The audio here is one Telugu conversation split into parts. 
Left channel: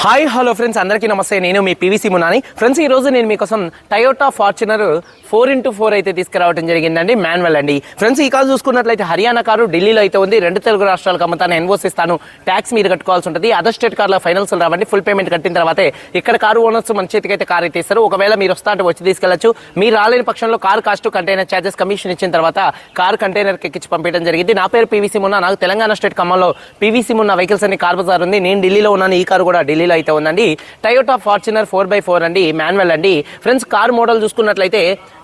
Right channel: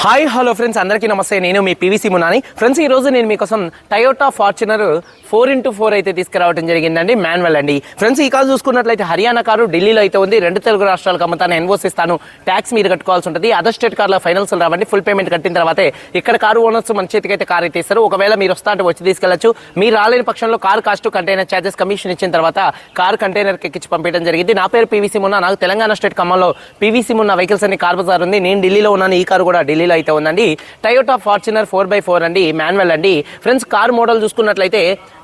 హాయ్ హలో ఫ్రెండ్స్, అందరికీ నమస్తే. నేను మీ పీవీసీ మున్నాని. ఫ్రెండ్స్, ఈ రోజు నేను మీకోసం టయోటా ఫార్చునర్ 4x4 అయితే తీసుకురావడం జరిగిందండి, మాన్యువల్ అండి. ఫ్రెండ్స్, ఈ కారు చూసుకున్నట్లయితే హర్యానా కారు ఢిల్లీలో అయితే ఉంది. రెండు తెలుగు రాష్ట్రాలకు అమ్ముతాను, ఎన్ఓసి ఇస్తాను, ట్యాక్స్ మీరు కట్టుకోవాల్సి ఉంటుంది. అదర్ స్టేట్ కార్లో ఫైనల్స్ రావండి. ఫుల్ పేమెంట్ కట్టిన తర్వాతే ఇక్కడ కారు ఓనర్స్ మన చేతికి అయితే కారు అయితే ఇస్తారు. ఒకవేళ మీరు వస్తా అంటే వచ్చి తీసుకెళ్లొచ్చు. మీరు రాలేని పక్షంలో car cost, container charges, commission ఇచ్చిన తర్వాత కార్ కంటైనర్ ఎక్కించి పంపించడం జరిగింది. నా పేరు పీవీసీ మున్నా. నాకు తెలంగాణ స్టేట్ ఖమ్మంలో పీవీసీ మున్నా వెహికల్స్ అనే కార్ బజార్ ఉంది. నేను ఢిల్లీలో ఉన్నాను. ఈ కారు కూడా ఢిల్లీలో అయితే ఉందండి. టయోటా ఫార్చునర్ 4x4 అండి, మాన్యువల్ అండి. ఫ్రెండ్స్, కార్ మోడల్ చూసుకున్నట్లయితే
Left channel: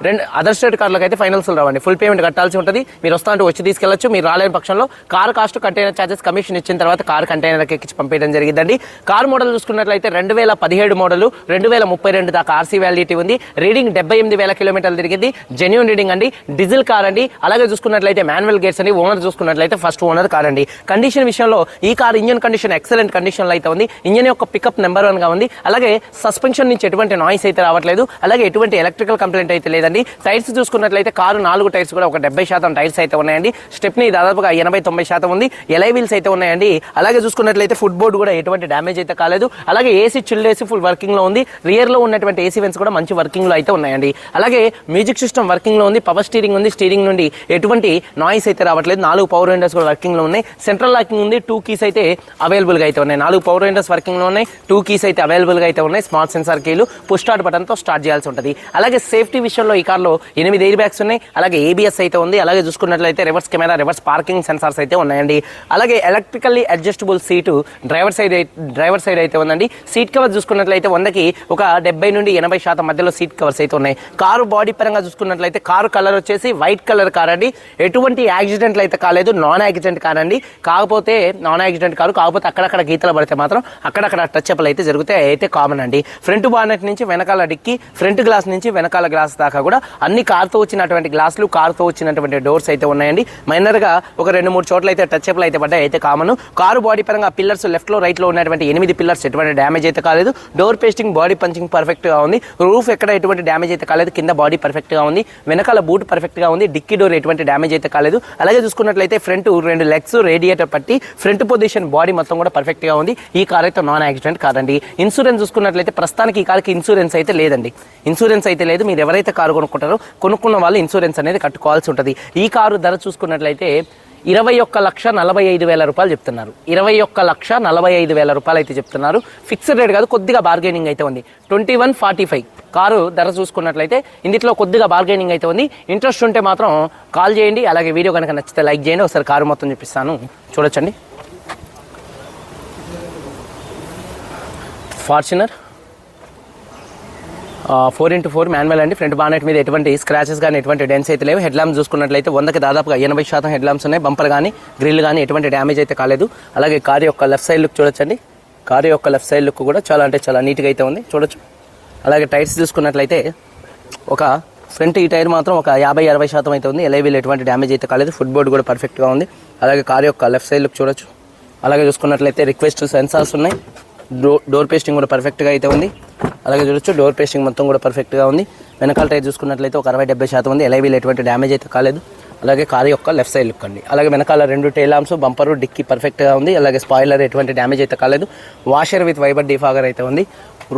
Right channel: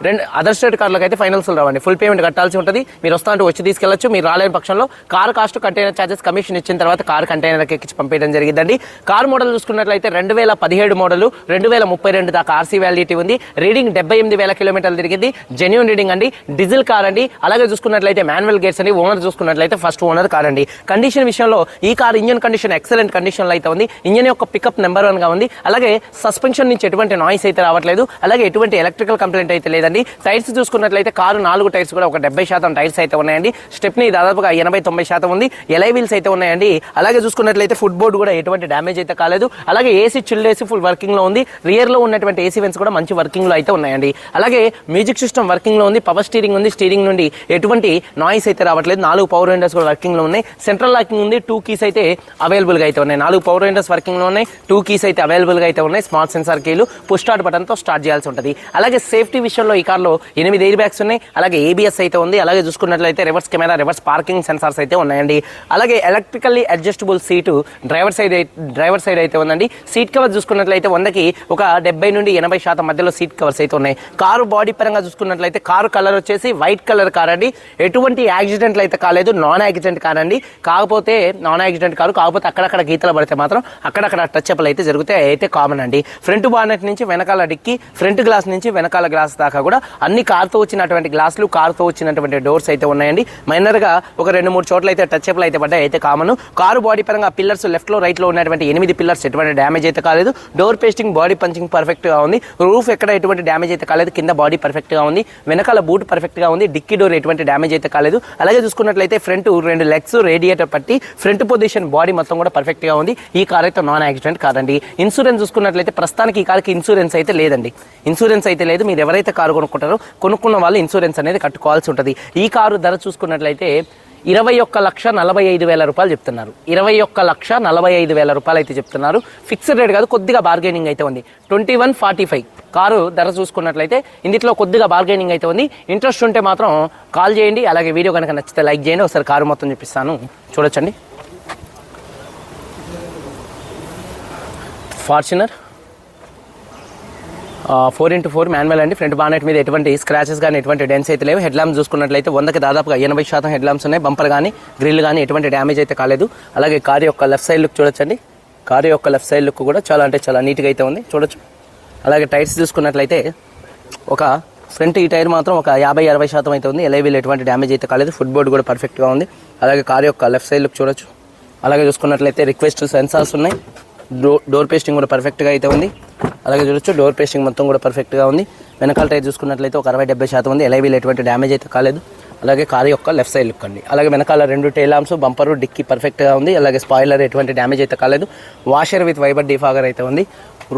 రెండు అదర్ స్టేట్ కార్లకు అయితే ఫైనల్స్ రావండి. ఫుల్ పేమెంట్ కట్టాల్సి ఉంటుంది. మీరు వస్తా అంటే వచ్చి తీసుకెళ్లొచ్చు. మీరు రాలేని పక్షంలో car cost, container charges, commission ఇచ్చిన తర్వాత కార్ కంటైనర్ ఎక్కించి పంపించడం జరిగిందండి. కార్ మోడల్ చూసుకున్నట్లయితే 2017 మోడల్, 2032 దాకా ఆర్సీ వ్యాలిడిటీ ఉంది. రీడింగ్ 78,000 కిలోమీటర్లు తిరిగింది. జెన్యూన్ రీడింగ్ అండి. డీజిల్ కార్ అండి. అలాగే చూసుకున్నట్లయితే మాన్యువల్ గేర్స్ అండి. ఓనర్ చూసుకున్నట్లయితే ఫస్ట్ ఓనర్ కార్ అండి. కండిషన్ విషయంలో ఈ car engine condition excellent condition లో అయితే ఉంది. ఇంజన్ యొక్క పికప్ నెంబర్ 1 గా ఉంది. అలాగే సస్పెన్షన్ నుంచి ఎటువంటి నాయిస్ అయితే రావట్లేదు. అలాగే ఎటువంటి ఎలక్ట్రికల్ కంప్లైంట్ అయితే లేదండి. టైర్స్ చూసుకున్నట్లయితే కారు 4 టైర్స్ కూడా ఒక 70% టైర్స్ అయితే ఉన్నాయండి. స్టెప్నీ దాదాపుగా 80-90% ఉంది. ఎలై వీల్స్ అయితే ఉన్నాయండి. అలాగే చూసుకున్నట్లయితే ఫుట్ బోర్డ్ కూడా ఎటువంటి డ్యామేజ్ అయితే కాలేదు. అలాగే AC chilled AC full working లో ఉంది. రియర్ లో ఉన్నటువంటి ఏసీ వెన్స్ కూడా మంచి వర్కింగ్ లో అయితే ఉన్నాయండి. అలాగే మ్యూజిక్ సిస్టమ్ వర్కింగ్ లో ఉంది. పవర్ స్టీరింగ్ ఉంది. స్టీరింగ్ నుండి ఎటువంటి నాయిస్ అయితే రావట్లేదు. 4 పవర్ విండోస్ కూడా వర్కింగ్ లో ఉన్నాయి. సెంట్రల్ లాకింగ్ ఉంది. 2 కీస్ అయితే అవైలబుల్ గా అయితే ఉన్నాయి. 4 పవర్ విండోస్ వర్కింగ్ లో ఉన్నాయి. 2 కీస్ అయితే అవైలబుల్ గా అయితే ఉన్నాయి. స్మార్ట్ సెన్సార్ కేలు పుష్ స్టార్ట్ బటన్ తో స్టార్ట్ చేయాల్సి ఉంటుంది. అలాగే సేఫ్టీ విషయంలో ఈ కార్లో 8 ఎయిర్ బ్యాగ్స్ ఉన్నాయి. అలాగే ఏబిఎస్ అయితే ఉంది. అలాగే చూసుకున్నట్లయితే reverse camera, reverse parking sensors అయితే ఉన్నాయండి. అలాగే electrically adjustable seat driver side అయితే ఉందండి. సీట్ కవర్ చూసుకున్నట్లయితే 100కి ఒక 70 నుండి 80% మధ్యలో సీట్ కవర్స్ అయితే ఉన్నాయి. కారు బాడీ పరంగా చూసుకున్నట్లయితే కారు కలర్ వచ్చేసి వైట్ కలర్ కార్ అండి. ఎటువంటి యాక్సిడెంట్లు అయితే కాలేదు. నాన్ యాక్సిడెంట్ కార్ అండి. కాకపోతే నాన్ యాక్సిడెంట్ కారు, కాకపోతే అక్కడక్కడ గీతలు పడితే మాత్రం అక్కడక్కడ టచ్ అప్లు అయితే జరుగుతాయి. అయితే కామన్ అండి. ఫ్రంట్ బానెట్ నుంచి వెనకాల డిక్కి, ఫ్రంట్ గ్లాస్ నుంచి వెనకాల గ్లాస్ దాకా కూడా అన్ని కార్తో వచ్చినటువంటి గ్లాసులు, కార్తో వచ్చినటువంటి డోర్స్ అయితే ఉన్నాయండి. మైనర్ గా ఒక 2-3 చోట్ల అయితే టచ్ అప్లు అయితే పడ్డాయి. అయితే కామన్. కారు బాడీ పరంగా పిల్లర్స్ లెఫ్ట్ లో రైట్ లో ఉన్నటువంటి 8 పిల్లర్స్ ఎటువంటి డ్యామేజ్ అయితే కాలేదు. Door pasting, body punching perfect గా ఉంది. రూఫ్ ఎక్కడ ఎటువంటి డ్యామేజ్ అయితే కాలేదు. కింద బాడీ పర్ఫెక్ట్ గా ఉంది. వెనకాల బూట్ పర్ఫెక్ట్ గా ఉంది. డిక్కీ డోర్ ఎటువంటి డ్యామేజ్ అయితే కాలేదు. అలాగే చూసుకున్నట్లయితే ఫ్రంట్ 2 లెగ్స్, రేడియేటర్ పట్టి ఫ్రంట్ పొజిషన్, బాడీ మొత్తం కూడా పర్ఫెక్ట్ గా ఉంది. ఈ కార్ అయితే నాన్ యాక్సిడెంట్ కాదండి. ఇన్సూరెన్స్ చూసుకున్నట్లయితే ప్రస్తుతానికి ఈ కార్కి ఇన్సూరెన్స్ అయితే లేదండి. ఇన్సూరెన్స్ అయితే లేదు. మీరు ఎవరైతే కారు కొనుక్కుంటారో కొనుక్కున్న వాళ్ళు ఇన్సూరెన్స్ అనేది కట్టుకోవాల్సి ఉంటుంది. ఈ కారు ధర చూసుకున్నట్లయితే 21,45,000 రూపాయలు చెప్తున్నారు. 21,45,000 రూపాయలు అయితే చెప్తున్నారు. ఫిక్స్డ్ రేట్ కాదు, కొద్దిగా బార్గెనింగ్ అయితే ఉంది. 21,45 కారు ధర చూసుకున్నట్లయితే ఇందులో కొద్దిగా బార్గెనింగ్ అయితే ఉంది. ఇంట్రెస్ట్ ఉంటే మాత్రం కాల్ చేయండి. అలాగే వీడియో కనుక నచ్చితే లైక్ చేయండి. ఒకసారి కారు మొత్తం చూపిస్తాను, చూడొచ్చండి. ఫార్చునర్ 4x4 మాన్యువల్ అండి. ఫ్రంట్ బానెట్ మీద ఎటువంటి స్క్రాచెస్ కానీ ఎటువంటి డెన్స్ అయితే లేవు. హెడ్ ల్యాంప్స్ చూసుకున్నట్లయితే 100కి దాదాపుగా 80% హెడ్ ల్యాంప్స్ ఉన్నాయి. బంపర్ కానీ గ్రిల్ కానీ ఎటువంటి డ్యామేజ్ అయితే కాలేదు. అలాగే కారు యొక్క లెఫ్ట్ సైడ్ లుక్ చూడొచ్చండి. కారు యొక్క లెఫ్ట్ సైడ్ లుక్ కూడా చాలా అంటే చాలా నీట్గా అయితే ఉంది, చూడొచ్చు. అలాగే టైర్స్ చూసుకున్నట్లయితే ఒక ఫ్రంట్ ఈ టైర్ మాత్రం ఒక 50-60% అయితే ఉంది. ఎలైవీల్ ఎటువంటి డ్యామేజ్ అయితే కాలేదు. ఫుట్ బోర్డ్ కూడా పర్ఫెక్ట్గా ఉంది. అలాగే కారు యొక్క లెఫ్ట్ సైడ్ లుక్ చూడొచ్చు. అలాగే చూసుకున్నట్లయితే రిక్వెస్ట్ సెన్సార్స్ ఉన్నాయి. డోర్ పేస్టింగ్ కూడా పర్ఫెక్ట్గా అయితే ఉంది. అలాగే చూడొచ్చు, డోర్ పేస్టింగ్ మొత్తం కూడా పర్ఫెక్ట్గా ఉంది. వెనకాల టైర్ చూసుకున్నట్లయితే ఒక 60-70% ఉంది. ఎలైవీల్ ఎటువంటి డ్యామేజ్ అయితే కాలేదు. అలాగే కారు యొక్క లెఫ్ట్ సైడ్ లుక్ అండి. అలాగే వెనకాల 2 టైల్ ల్యాంప్స్, బంపరు, డిక్కీ పర్ఫెక్ట్గా ఉంది. అలాగే స్పాయిలర్ ఎటువంటి డ్యామేజ్ అయితే కాలేదు. వాషర్ విత్ వైబర్ డిఫాగర్ అయితే ఉంది.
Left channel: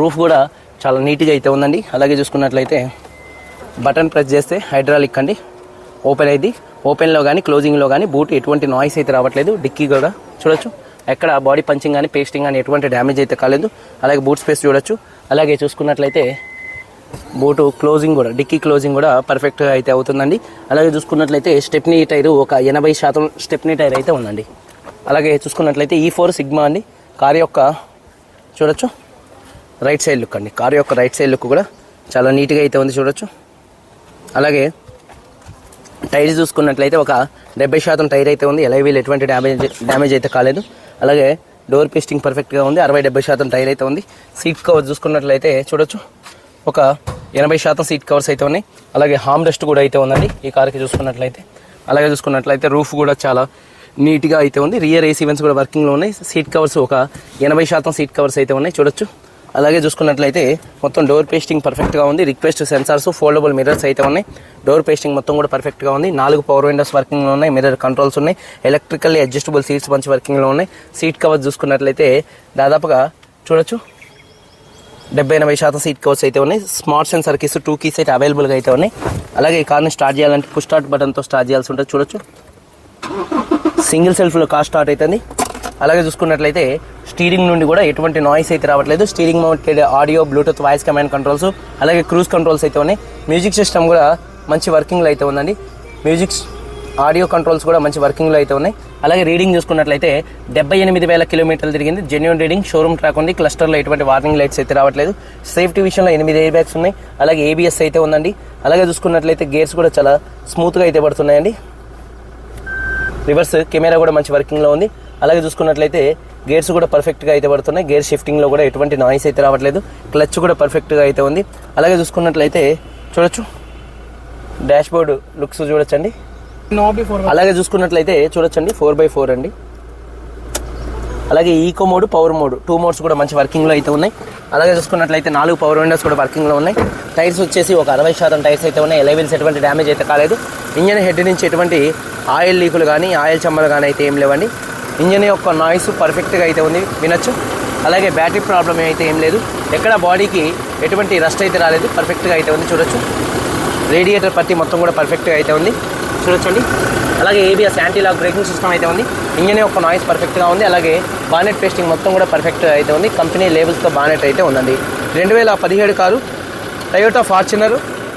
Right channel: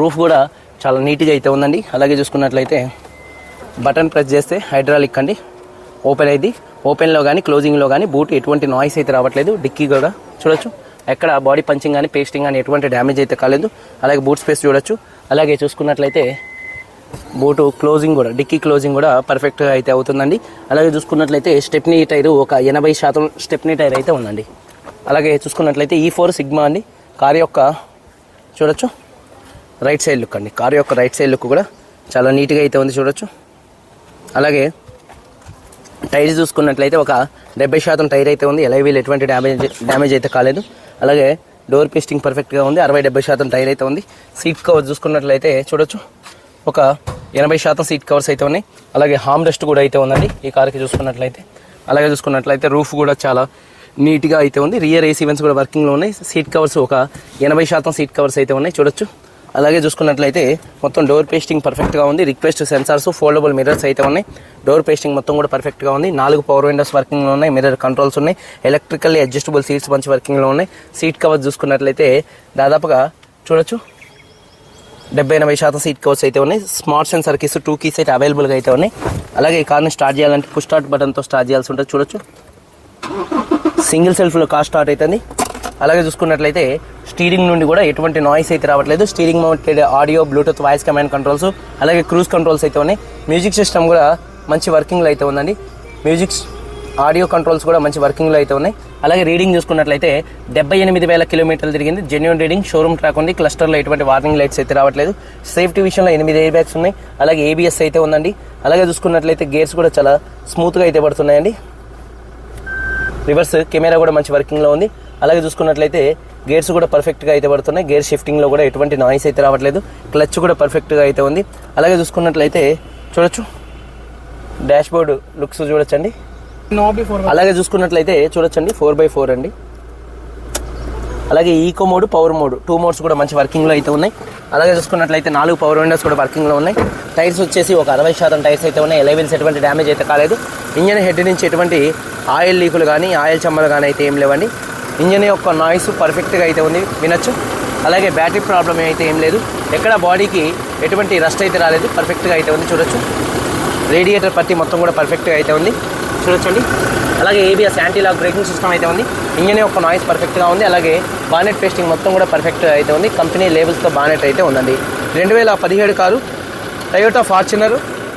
రూఫ్ కూడా చాలా నీట్గా అయితే ఉందండి. అలాగే చూసుకున్నట్లయితే బటన్ ప్రెస్ చేస్తే హైడ్రాలిక్ అండి, ఓపెన్ అయింది. ఓపెన్లో కానీ క్లోజింగ్లో కానీ బూట్ ఎటువంటి నాయిస్ అయితే రావట్లేదు. డిక్కీ కూడా చూడొచ్చు, ఎక్కడ బాడీ పంచింగ్ కానీ పేస్టింగ్ కానీ ఎటువంటి డ్యామేజ్ అయితే కాలేదు. అలాగే బూట్ స్పేస్ చూడొచ్చు. అలాగే చూసుకున్నట్లయితే బూటు క్లోజింగ్ కూడా, డిక్కీ క్లోజింగ్ కూడా పర్ఫెక్ట్గా అయితే అవుతుందండి. అలాగే చూసుకున్నట్లయితే స్టెప్నీ టైర్ ఒక 80% స్టెప్నీ టైర్ అయితే ఉందండి. అలాగే చూసుకున్నట్లయితే E4 సిగ్మా అండి. కారు యొక్క చూడొచ్చు రైట్ సైడ్ లుక్ అండి. కారు యొక్క రైట్ సైడ్ లుక్ కూడా చాలా నీట్గా అయితే ఉంది, చూడొచ్చు. అలాగే టైర్ చూసుకున్నట్లయితే ఒక 70% టైర్ అయితే ఉంది. ఎలైవీల్ ఎటువంటి డ్యామేజ్ అయితే కాలేదు. అలాగే డోర్ పేస్టింగ్ పర్ఫెక్ట్గా ఉంది. 60-70% టైర్ అయితే ఉంది. సీట్ కవర్ చూసుకున్నట్లయితే చూడొచ్చు, ఒక 80% సీట్ కవర్స్ అయితే ఉన్నాయి. అలాగే హార్మ్ రెస్ట్ కూడా అయితే ఉందండి ఈ కార్కి చూసుకున్నట్లయితే. అలాగే చూసుకున్నట్లయితే రూఫ్ కూడా చాలా నీట్గా అయితే ఉంది. రియర్ ఏసీ వెన్స్ కూడా వర్కింగ్లో ఉన్నాయి. సీట్ కవర్స్ ఒక 80% సీట్ కవర్స్ అయితే ఉన్నాయి, చూడొచ్చు. అలాగే చూసుకున్నట్లయితే మొత్తం డోర్ పేస్టింగ్ పర్ఫెక్ట్గా ఉంది. రిక్వెస్ట్ సెన్సార్స్, ఫోల్డబుల్ మిర్రర్స్ అయితే ఉన్నాయి. డోర్ పేస్టింగ్ మొత్తం కూడా పర్ఫెక్ట్గా ఉంది. 4 పవర్ విండోస్ వర్కింగ్లో ఉన్నాయి. మిర్రర్ కంట్రోల్స్ ఉన్నాయి. ఎలక్ట్రికల్లీ అడ్జస్టబుల్ సీట్స్ మంచి వర్కింగ్లో ఉన్నాయి. సీట్ కవర్ చూసుకున్నట్లయితే దాదాపుగా చూడొచ్చు 70-80% సీట్ కవర్స్ అయితే ఉన్నాయి. స్మార్ట్ సెన్సర్ కీస్ 2 కీస్ అయితే అవైలబుల్గా అయితే ఉన్నాయి. అలాగే ఈ కార్ని స్టార్ట్ చేయాలంటే పుష్ స్టార్ట్ బటన్తో స్టార్ట్ చేయాల్సి ఉంటుంది. చూడొచ్చు సింగిల్ సెల్ఫ్లో కార్ స్టార్ట్ అవుతుంది. అలాగే చూసుకున్నట్లయితే స్టీరింగ్ నుండి కూడా ఎటువంటి నాయిస్ అయితే రావట్లేదు. Steering mounted audio, Bluetooth, voice command controls, అలాగే క్రూజ్ కంట్రోల్స్ అయితే ఉన్నాయి. మ్యూజిక్ సిస్టమ్ కూడా మంచి వర్కింగ్లో అయితే ఉందండి. మ్యూజిక్ ఆడియో కంట్రోల్స్ కూడా మంచి వర్కింగ్లో అయితే ఉన్నాయి. అలాగే రీడింగ్ చూసుకున్నట్లయితే 78,000 కిలోమీటర్లు తిరిగింది. జెన్యూన్ రీడింగ్, షోరూమ్ ట్రాక్ ఉంది. క్లస్టర్లో ఎటువంటి వార్నింగ్ లైట్స్ అయితే రావట్లేదు. సేఫ్టీ విషయంలో 8 ఎయిర్ బ్యాగ్స్ ఉన్నాయి. అలాగే ABS అయితే ఉందండి. అలాగే చూసుకున్నట్లయితే గేర్స్ కూడా చాలా స్మూత్గా అయితే పడుతున్నాయండి. రివర్స్ కెమెరా కూడా మంచి వర్కింగ్లో ఉంది. అలాగే చూసుకున్నట్లయితే గేర్స్ కూడా పర్ఫెక్ట్గా అయితే పడుతున్నాయి. గేర్ షిఫ్టింగ్లో కూడా ఎటువంటి నాయిస్ అయితే రావట్లేదు. క్లచ్ కూడా పర్ఫెక్ట్గా అయితే ఉంది. అలాగే చూసుకున్నట్లయితే చూడొచ్చు డాష్ బోర్డ్ లుక్స్ చూడొచ్చండి. అలాగే చూసుకున్నట్లయితే చూడొచ్చండి 4x4 అండి. అలాగే eco mode, power mode 2 modes కూడా మంచి వర్కింగ్లో అయితే ఉన్నాయి. అలాగే చూసుకున్నట్లయితే 4 పవర్ విండోస్ కూడా వర్కింగ్లో ఉన్నాయి. టైర్స్ వచ్చేసి ఒక 60% టైర్స్ అయితే ఉన్నాయి. ఎలవెన్స్ ఎటువంటి డ్యామేజ్ అయితే కాలేదు. ఇంజన్ హెడ్ నుంచి ఎటువంటి ఆయిల్ లీకులు కానీ ఆయిల్ చమ్మలు కానీ అయితే ఏం లేవండి. ఇంజన్ యొక్క నాయిస్ పర్ఫెక్ట్గా అయితే ఉంది, వినొచ్చు. అలాగే బ్యాటరీ ప్రాబ్లం అయితే ఏం లేదు. ఎక్కడ బాడీకి ఎటువంటి రస్ట్ అయితే రాలేదు, పర్ఫెక్ట్గా అయితే ఉంది. చూడొచ్చు రేడియేటర్ పట్టి మొత్తం కూడా పర్ఫెక్ట్గా అయితే ఉంది. చూడొచ్చండి. అలాగే ABS anti lock braking system అయితే ఉంది. ఇంజన్ యొక్క నాయిస్ పర్ఫెక్ట్గా ఉంది. అలాగే బానెట్ పేస్టింగ్ మొత్తం కూడా పర్ఫెక్ట్గా అయితే ఉంది. కంపెనీ లేబుల్స్తో బానెట్ అయితే ఉందండి. 2017 car Toyota Fortuner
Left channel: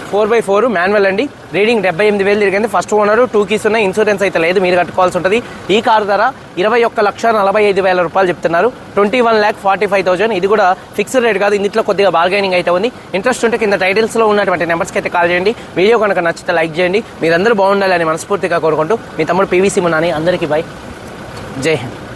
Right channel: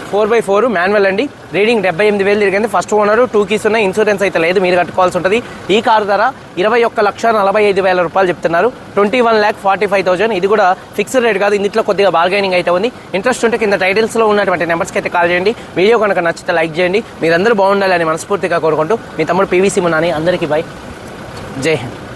4x4 manual అండి. రీడింగ్ 78,000 తిరిగింది. ఫస్ట్ ఓనర్, 2 కీస్ ఉన్నాయి. ఇన్సూరెన్స్ అయితే లేదు, మీరు కట్టుకోవాల్సి ఉంటుంది. ఈ కారు ధర 21,45,000 రూపాయలు చెప్తున్నారు. 21,45,000. ఇది కూడా ఫిక్స్డ్ రేట్ కాదు, ఇందులో కొద్దిగా బార్గైనింగ్ అయితే ఉంది. ఇంట్రెస్ట్ ఉంటే కింద టైటిల్స్లో ఉన్నటువంటి నెంబర్స్కి అయితే కాల్ చేయండి. వీడియో కనుక నచ్చితే లైక్ చేయండి. మీరందరూ బాగుండాలని మనస్ఫూర్తిగా కోరుకుంటూ మీ తమ్ముడు PVC మున్నాని. అందరికీ బై, జై హింద్.